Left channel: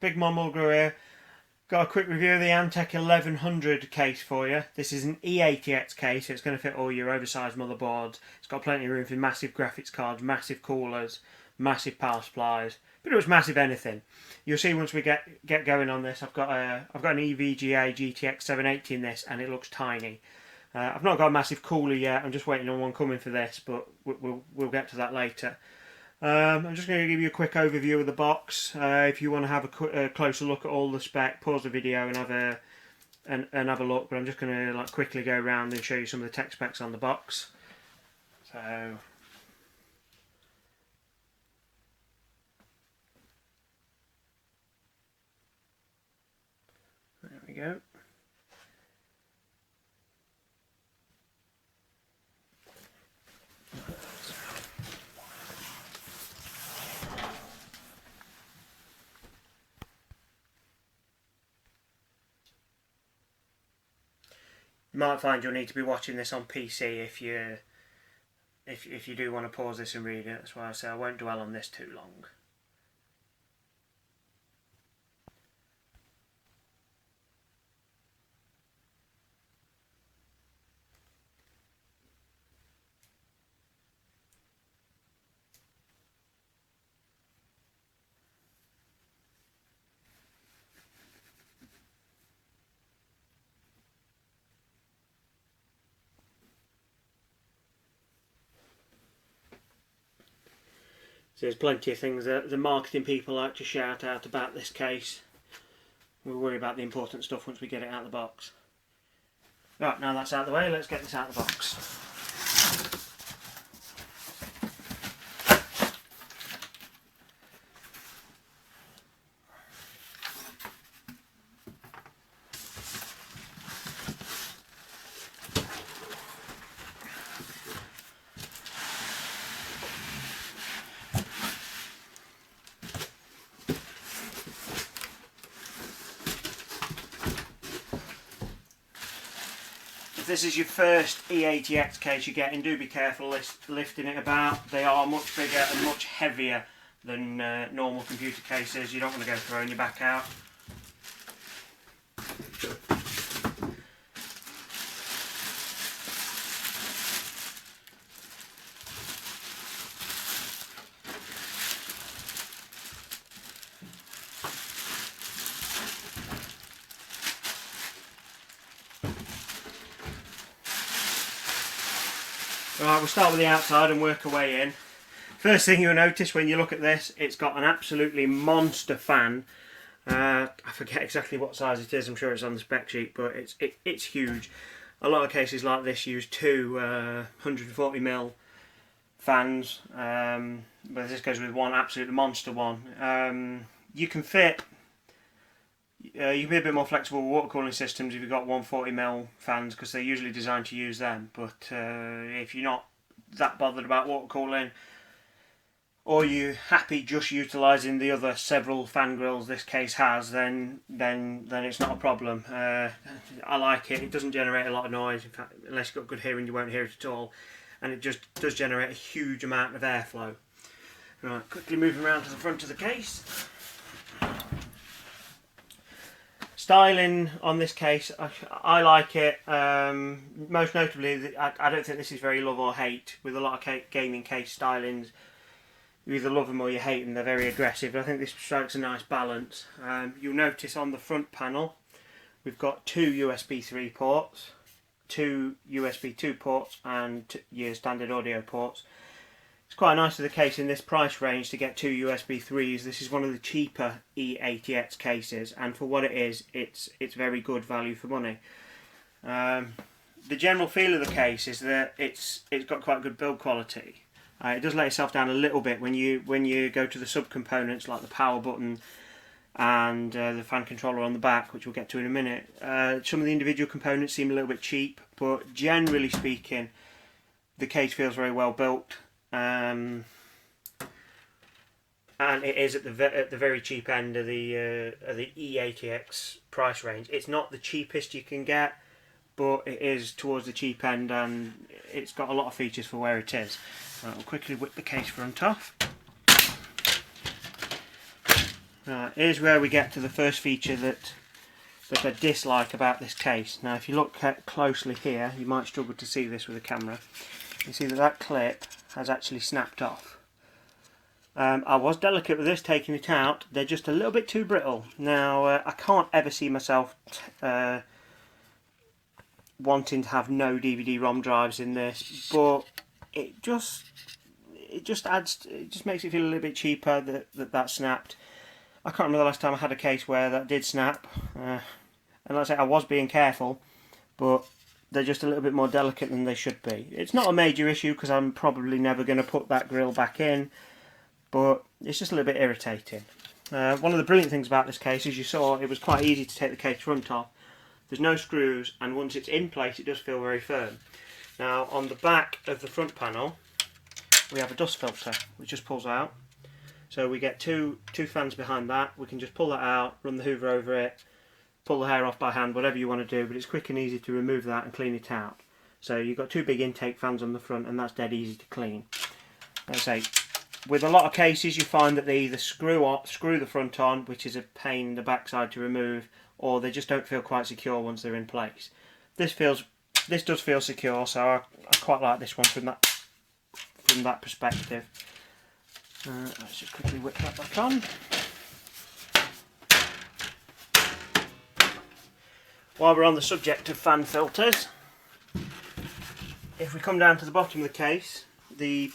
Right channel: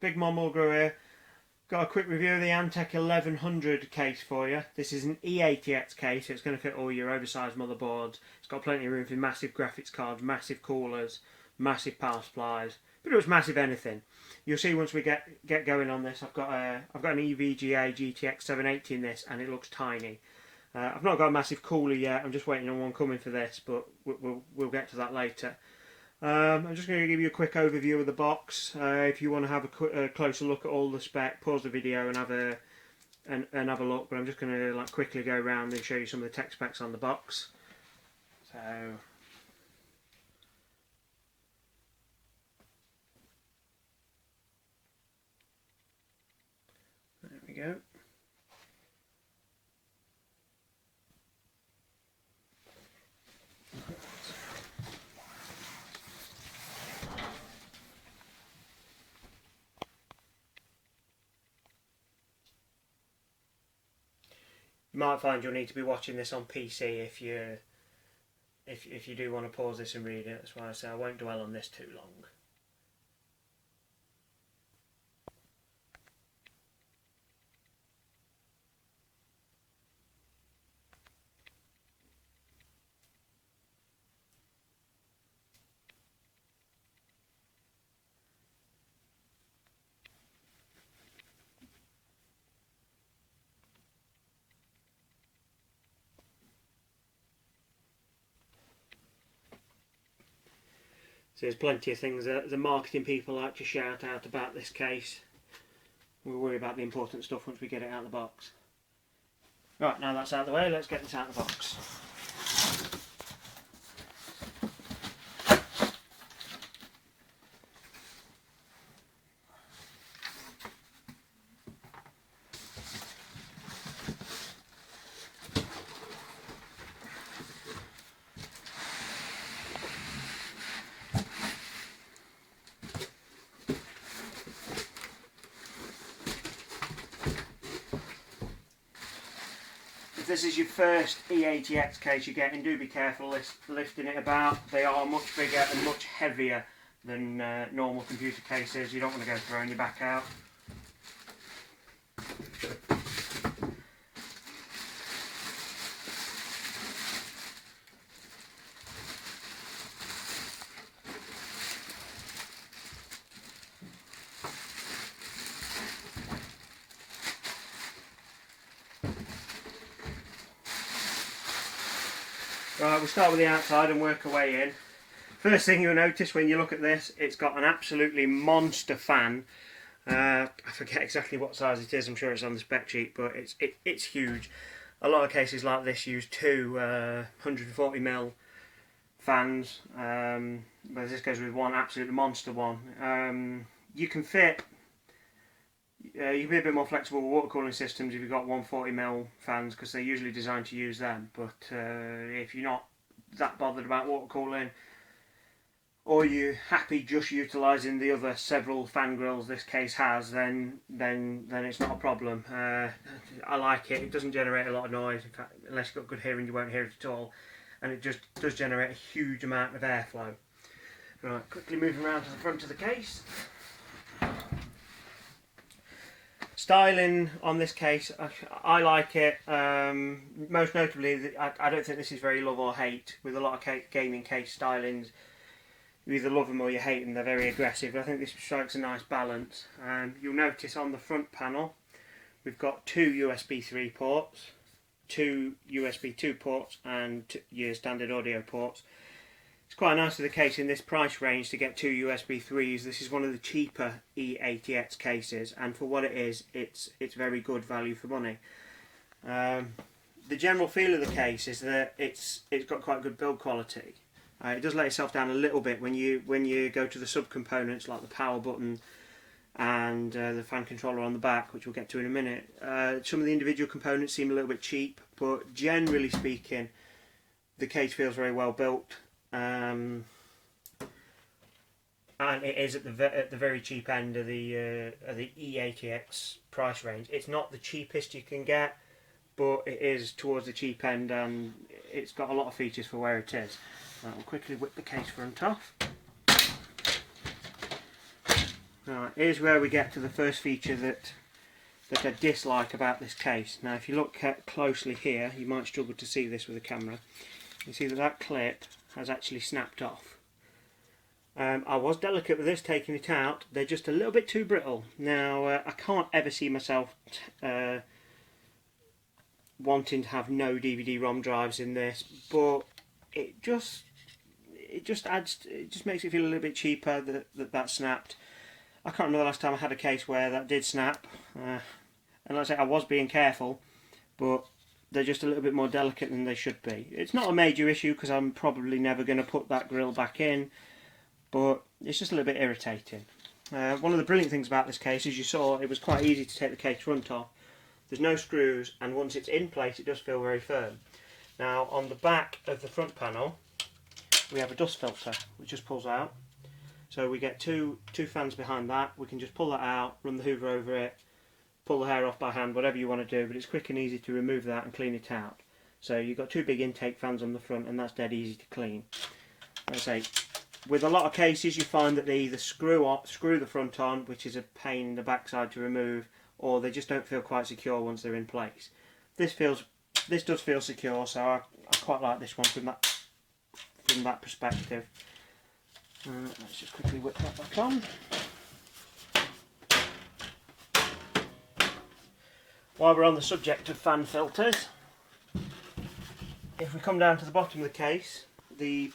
Big Mom Mulgrew here. Got a quick review of the Antec 1100 case for you. This is an E-ATX case, so it's going to fit all your oversized motherboards. It's got plenty of room for massive graphics cards, massive coolers, massive power supplies, pretty much massive anything. You'll see once we get going on this. I've got an EVGA GTX 780 in this, and it looks tiny. I've not got a massive cooler yet. I'm just waiting on one coming for this, but we'll get to that later. I'm just going to give you a quick overview of the box. If you want to have a closer look at all the spec, pause the video and have a look. But I'm just going to quickly go around and show you some of the tech specs on the box. So there we go. You might find you'll need to be watching this on PC if you do want to pause this and read it. That's why I say I won't dwell on this too long. So there's plenty of things that the marketing people like to shout out about this case. We'll worry about the important stuff once we get it out of the box. Right, now that's out of the way, let's get this out of the box. If this is your first E-ATX case you're getting, do be careful lifting it about. They are much bigger and much heavier than normal computer cases. You don't want to go throwing your back out. Right, we'll start with the outside and work our way in. First thing you'll notice when you look at this, it's got an absolutely monster fan. I forget exactly what size it is, I'm sure it's on the spec sheet, but it's huge. A lot of cases like this use two 140mm fans, but this goes with one absolute monster one. You can fit, you can be a bit more flexible with water cooling systems if you've got 140mm fans, because they're usually designed to use them. But if you're not that bothered about water cooling, or you're happy just utilising the other several fan grills this case has, then it's not a problem. I like it. It doesn't generate a lot of noise. In fact, unless you've got good hearing, you won't hear it at all. And it just does generate a huge amount of airflow. Right, quickly moving around to the front of the case. Styling on this case, I like it. Most notably, I don't think this is very love or hate. With a lot of gaming case stylings, you either love them or you hate them. They're very aggressive. I think this strikes a nice balance. You'll notice on the front panel, we've got two USB 3 ports, two USB 2 ports, and your standard audio ports. It's quite nice for the case in this price range to get two USB 3s. This is one of the cheaper E-ATX cases, and for what it is, it's very good value for money. The general feel of the case is that it's got quite good build quality. It does let itself down a little bit when you go to the subcomponents like the power button and the fan controller on the back, which we'll get to in a minute. Some of the individual components seem a little bit cheap, but generally speaking, the case feels very well built. And it is at the very cheap end of the E-ATX price range. It's not the cheapest you can get, but it is towards the cheap end, and it's got a lot of features for where it is. I'll quickly whip the case front off. Right, here's where we get to the first feature that I dislike about this case. Now if you look closely here, you might struggle to see this with a camera. You see that that clip has actually snapped off. I was delicate with this, taking it out. They're just a little bit too brittle. Now I can't ever see myself wanting to have no DVD-ROM drives in this, but it just adds, it just makes it feel a little bit cheaper that snapped. I can't remember the last time I had a case where that did snap, and like I say, I was being careful, but they're just a little bit more delicate than they should be. It's not a major issue because I'm probably never going to put that grill back in, but it's just a little bit irritating. One of the brilliant things about this case, as you saw, it was quite easy to take the case front off. There's no screws, and once it's in place it does feel very firm. Now on the back of the front panel we have a dust filter which just pulls out. So we get two fans behind that. We can just pull that out, run the hoover over it, pull the hair off by hand, whatever you want to do, but it's quick and easy to remove that and clean it out. So you've got two big intake fans on the front, and that's dead easy to clean. Like I say, with a lot of cases you find that they either screw the front on, which is a pain in the backside to remove, or they just don't feel quite secure once they're in place. This does feel secure, so I quite like this one from that perspective. Let's just quickly whip that back on. While we're on the subject of fan filters, if we come down to the bottom of the case, the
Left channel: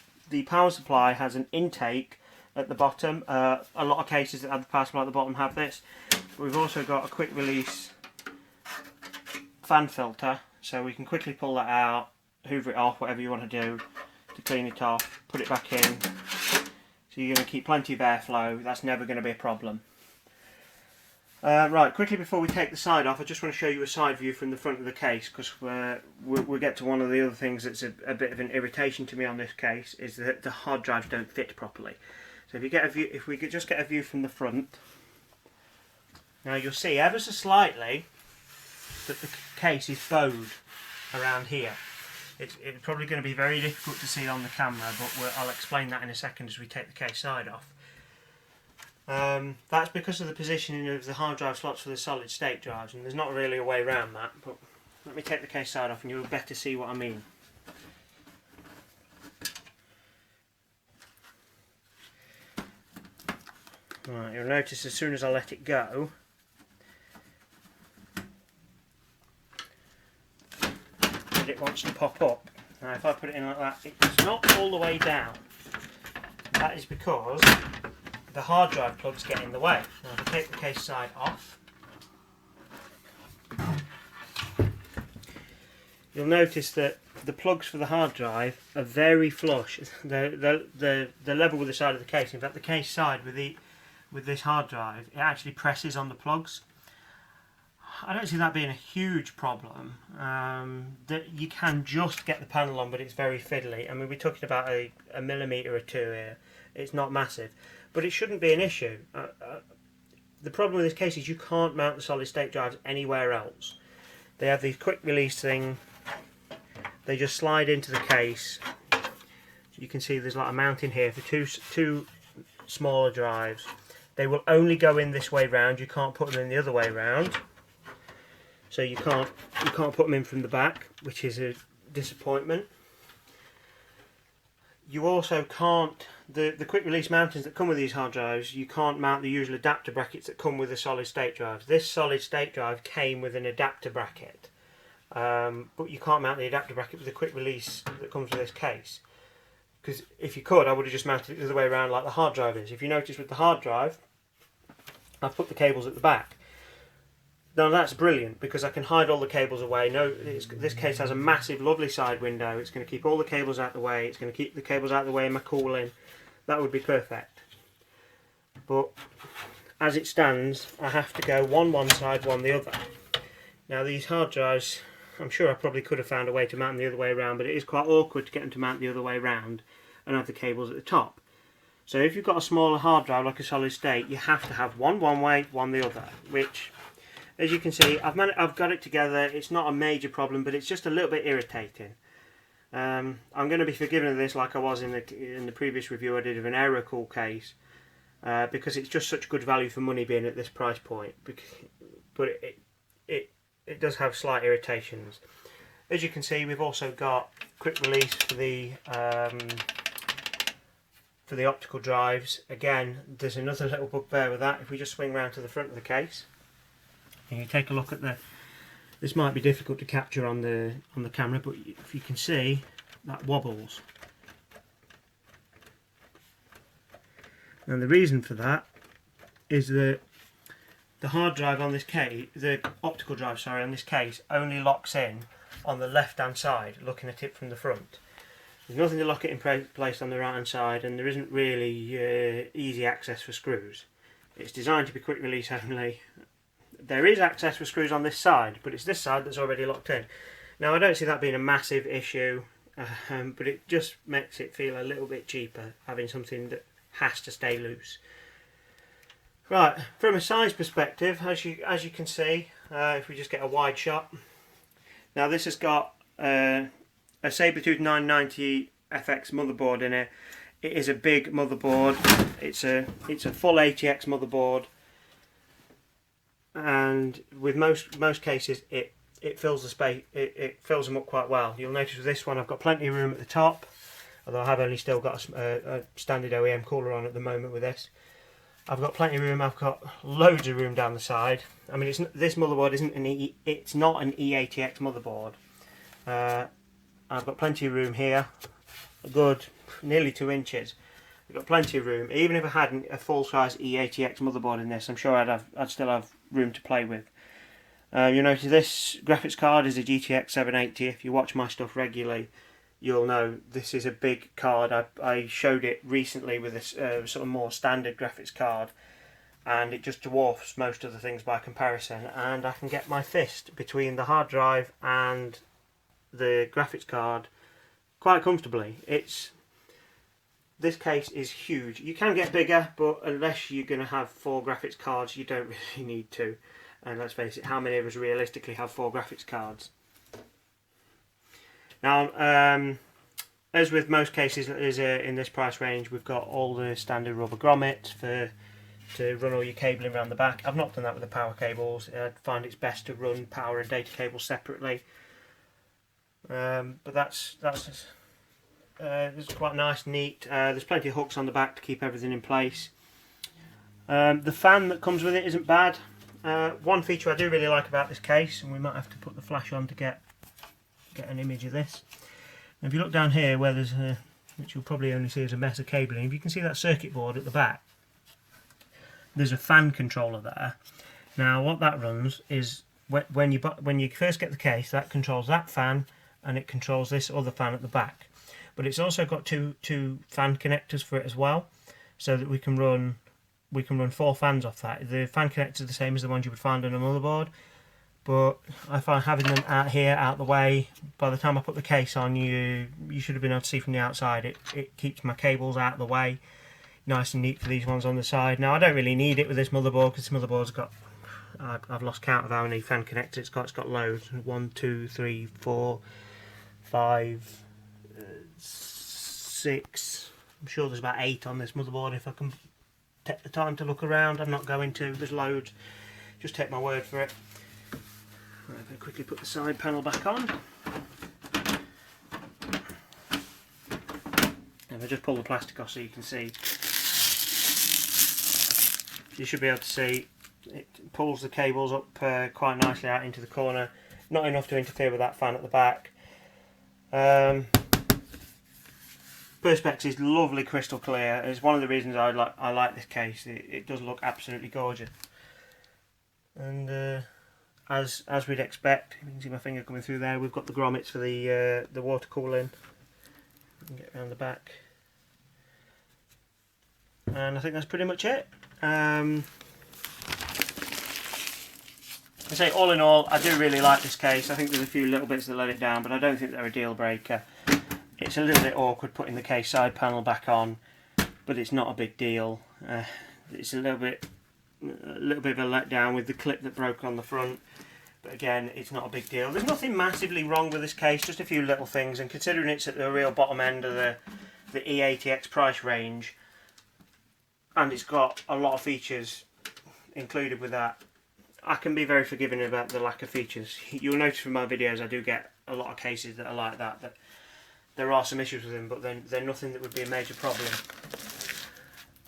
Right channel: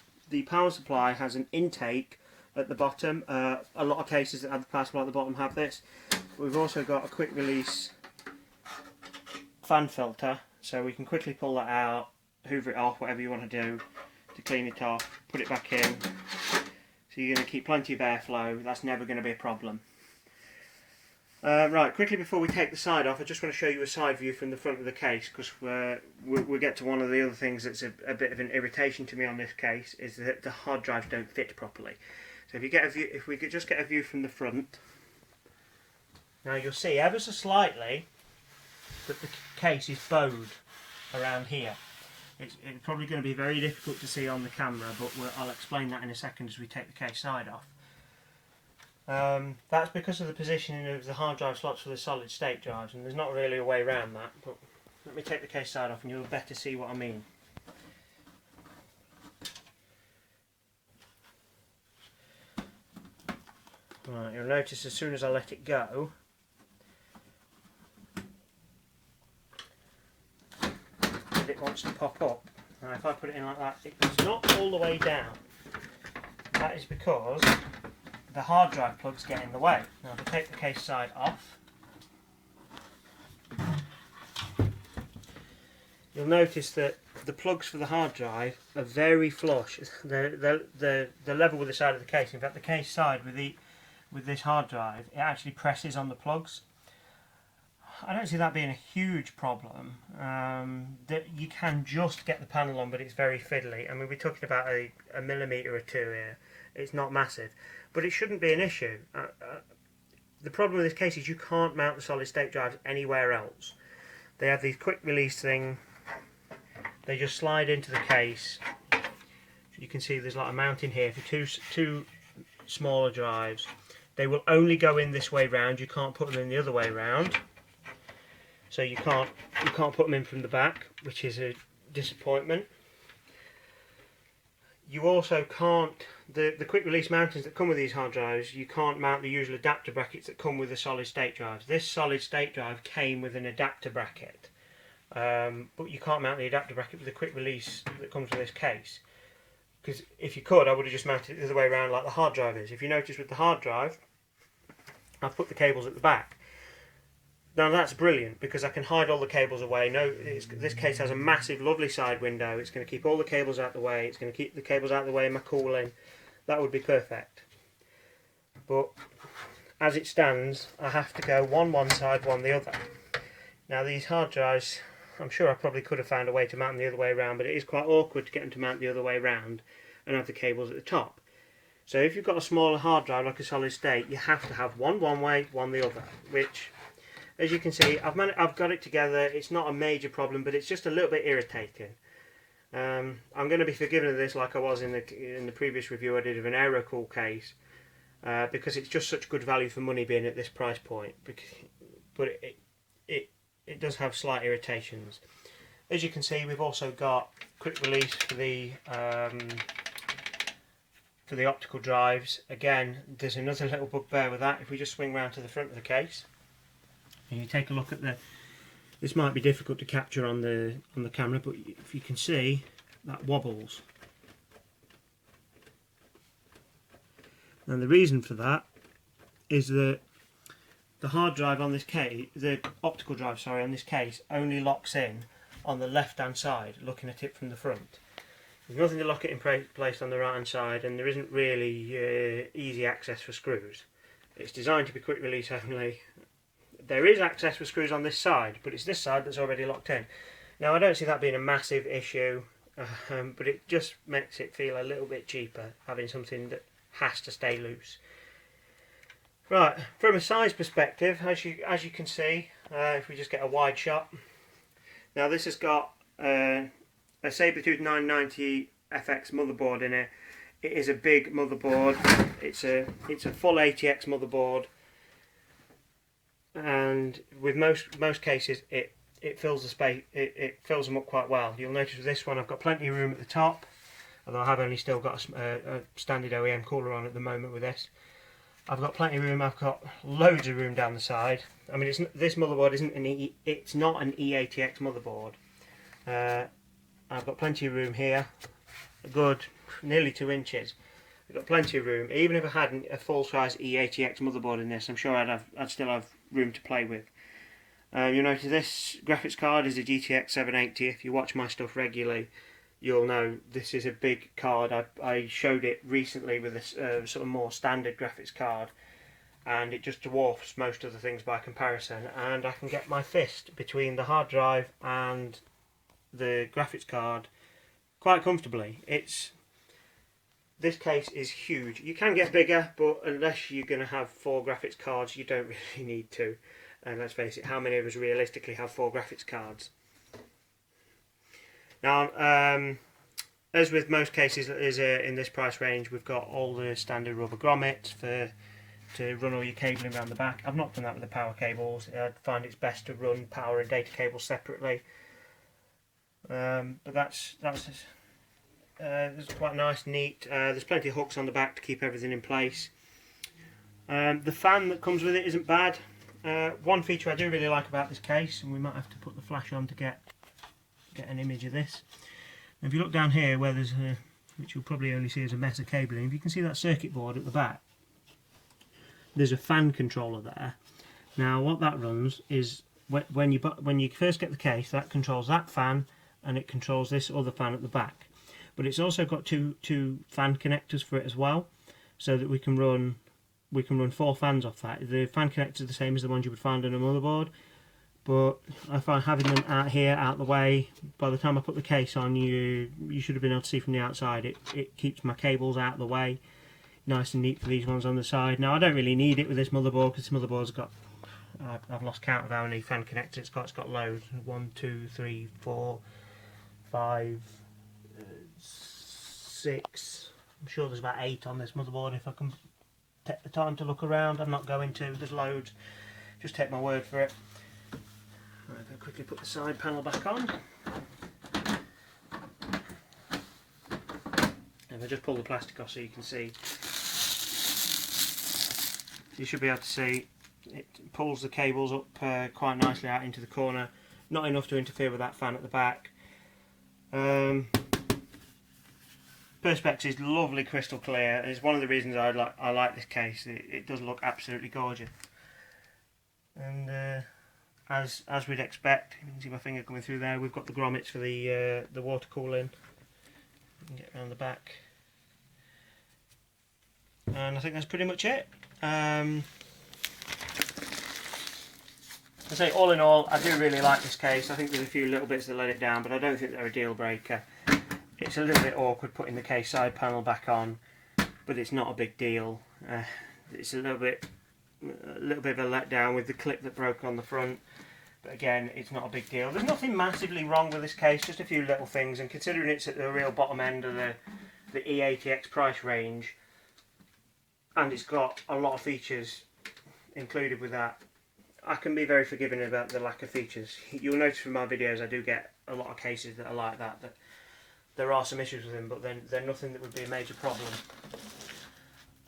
power supply has an intake at the bottom. A lot of cases that have the power supply at the bottom have this. But we've also got a quick release fan filter, so we can quickly pull that out, hoover it off, whatever you want to do to clean it off, put it back in. So you're going to keep plenty of airflow. That's never going to be a problem. Right, quickly before we take the side off, I just want to show you a side view from the front of the case, because we'll get to one of the other things that's a bit of an irritation to me on this case, is that the hard drives don't fit properly. So if you get a view, if we could just get a view from the front, now you'll see ever so slightly that the case is bowed around here. It's probably going to be very difficult to see on the camera, but I'll explain that in a second as we take the case side off. That's because of the positioning of the hard drive slots for the solid state drives, and there's not really a way around that, but let me take the case side off and you'll better see what I mean. Right, you'll notice as soon as I let it go, it wants to pop up. Now if I put it in like that, it's not all the way down. That is because the hard drive plugs get in the way. Now if I take the case side off, you'll notice that the plugs for the hard drive are very flush. They're level with the side of the case. In fact, the case side with this hard drive, it actually presses on the plugs. I don't see that being a huge problem. That you can just get the panel on, but it's very fiddly. I mean, we're talking about a millimetre or two here. It's not massive, but it shouldn't be an issue. The problem with this case is you can't mount the solid state drives anywhere else. They have these quick release thing. They just slide into the case. You can see there's like a mount in here for two smaller drives. They will only go in this way round. You can't put them in the other way round. So you can't put them in from the back, which is a disappointment. You also can't, the quick release mountings that come with these hard drives, you can't mount the usual adapter brackets that come with the solid state drives. This solid state drive came with an adapter bracket, but you can't mount the adapter bracket with the quick release that comes with this case. Because if you could, I would have just mounted it the other way around like the hard drive is. If you notice with the hard drive, I've put the cables at the back. Now that's brilliant because I can hide all the cables away. This case has a massive, lovely side window. It's going to keep all the cables out of the way. It's going to keep the cables out of the way in my cooling. That would be perfect. But as it stands, I have to go one side, one the other. Now these hard drives, I'm sure I probably could have found a way to mount them the other way around, but it is quite awkward to get them to mount the other way around and have the cables at the top. So if you've got a smaller hard drive like a solid state, you have to have one way, one the other, which, as you can see, I've got it together. It's not a major problem, but it's just a little bit irritating. I'm going to be forgiven of this, like I was in the previous review I did of an AeroCool case. because it's just such good value for money being at this price point. But it does have slight irritations. As you can see, we've also got quick release for the optical drives. Again, there's another little bugbear with that. If we just swing round to the front of the case, and you take a look at this might be difficult to capture on the camera, but if you can see, that wobbles. And the reason for that is that the hard drive on this case, the optical drive, sorry, on this case only locks in on the left hand side, looking at it from the front. There's nothing to lock it in place on the right hand side, and there isn't really easy access for screws. It's designed to be quick release only. There is access for screws on this side, but it's this side that's already locked in. Now I don't see that being a massive issue, but it just makes it feel a little bit cheaper having something that has to stay loose. Right, from a size perspective, as you can see, if we just get a wide shot. Now this has got a Sabertooth 990 FX motherboard in it. It is a big motherboard. It's a full ATX motherboard, and with most cases it fills the space. It fills them up quite well. You'll notice with this one I've got plenty of room at the top, although I have only still got a standard OEM cooler on at the moment with this. I've got plenty of room. I've got loads of room down the side. I mean, this motherboard isn't it's not an E-ATX motherboard. I've got plenty of room here, a good nearly 2 inches. I've got plenty of room. Even if I had a full-size E-ATX motherboard in this, I'm sure I'd still have room to play with. You'll notice this graphics card is a GTX 780. If you watch my stuff regularly, you'll know this is a big card. I showed it recently with this sort of more standard graphics card, and it just dwarfs most of the things by comparison, and I can get my fist between the hard drive and the graphics card quite comfortably. This case is huge. You can get bigger, but unless you're going to have 4 graphics cards, you don't really need to. And let's face it, how many of us realistically have 4 graphics cards? Now, as with most cases in this price range, we've got all the standard rubber grommets to run all your cabling around the back. I've not done that with the power cables. I find it's best to run power and data cables separately. But that's quite nice, neat. There's plenty of hooks on the back to keep everything in place. The fan that comes with it isn't bad. One feature I do really like about this case, and we might have to put the flash on to get an image of this. And if you look down here where there's which you'll probably only see as a mess of cabling, if you can see that circuit board at the back, there's a fan controller there. Now what that runs is when you first get the case, that controls that fan, and it controls this other fan at the back. But it's also got two fan connectors for it as well, so that we can run 4 fans off that. The fan connectors are the same as the ones you would find on a motherboard, but I find having them out here, out the way, by the time I put the case on, you should have been able to see from the outside, it keeps my cables out of the way, nice and neat for these ones on the side. Now I don't really need it with this motherboard, because this motherboard's got, I've lost count of how many fan connectors it's got. It's got loads, 1, 2, 3, 4, 5, 6, I'm sure there's about 8 on this motherboard if I can take the time to look around. I'm not going to, there's loads, just take my word for it. Right, if I quickly put the side panel back on, if I just pull the plastic off so you can see, you should be able to see it pulls the cables up quite nicely out into the corner, not enough to interfere with that fan at the back. Perspex is lovely crystal clear. It's one of the reasons I like this case. It does look absolutely gorgeous, and as we'd expect, you can see my finger coming through there. We've got the grommets for the water cooling. You can get around the back, and I think that's pretty much it. I say all in all, I do really like this case. I think there's a few little bits that let it down, but I don't think they're a deal breaker. It's a little bit awkward putting the case side panel back on, but it's not a big deal. It's a little bit of a letdown with the clip that broke on the front, but again, it's not a big deal. There's nothing massively wrong with this case, just a few little things, and considering it's at the real bottom end of the E-ATX price range, and it's got a lot of features included with that. I can be very forgiving about the lack of features. You'll notice from my videos I do get a lot of cases that are like that, that there are some issues with them, but then they're nothing that would be a major problem.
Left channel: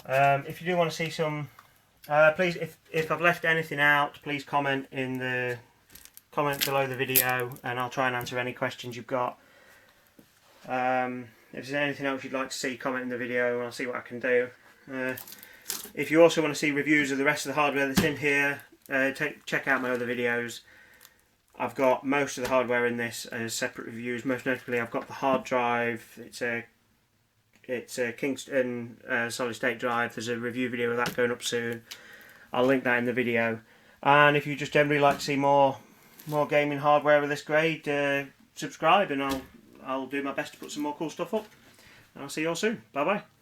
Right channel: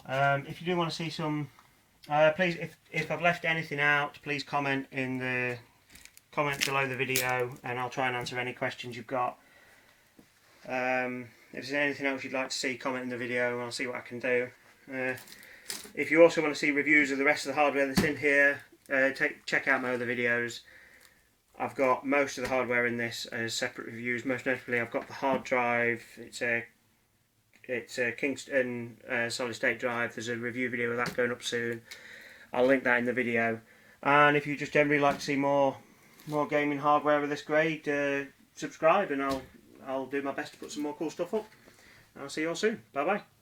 If you do want to see some, please, if I've left anything out, please comment in the comment below the video, and I'll try and answer any questions you've got. If there's anything else you'd like to see, comment in the video and I'll see what I can do. If you also want to see reviews of the rest of the hardware that's in here, check out my other videos. I've got most of the hardware in this as separate reviews. Most notably, I've got the hard drive. It's a Kingston solid state drive. There's a review video of that going up soon. I'll link that in the video. And if you just generally like to see more gaming hardware of this grade, subscribe, and I'll do my best to put some more cool stuff up. I'll see you all soon. Bye bye.